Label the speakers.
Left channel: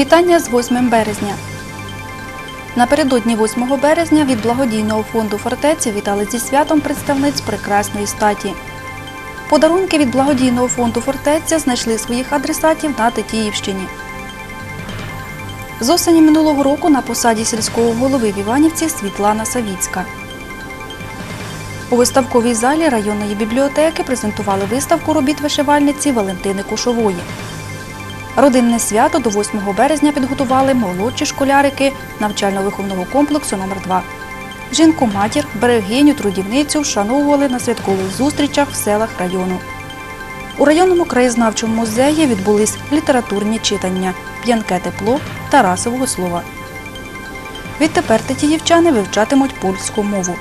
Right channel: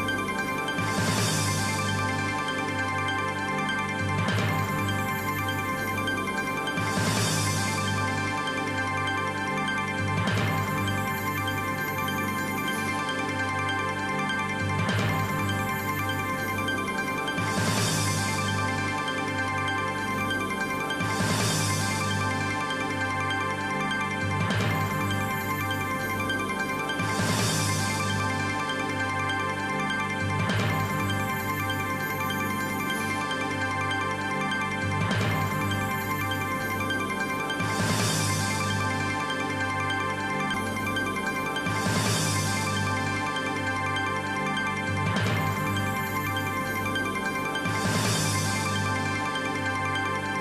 Speaker 1: Вітання з 8 березня. Напередодні 8 березня від благодійного фонду фортеця вітали зі святом представниць прекрасної статі. Подарунки від благодійного фонду фортеця знайшли своїх адресатів на Тетіївщині. З осені минулого року на посаді сільського голови в Іванівці Світлана Савіцька. У виставковій залі районної бібліотеки презентували виставку робіт вишивальниці Валентини Кушової. Родинне свято до 8 березня підготували молодші школярики навчально-виховного комплексу номер 2 Жінку матір, берегиню, трудівницю вшановували на святкових зустрічах в селах району. У районному краєзнавчому музеї відбулись літературні читання П'янке тепло Тарасового слова. Відтепер тетіївчани вивчатимуть польську мову.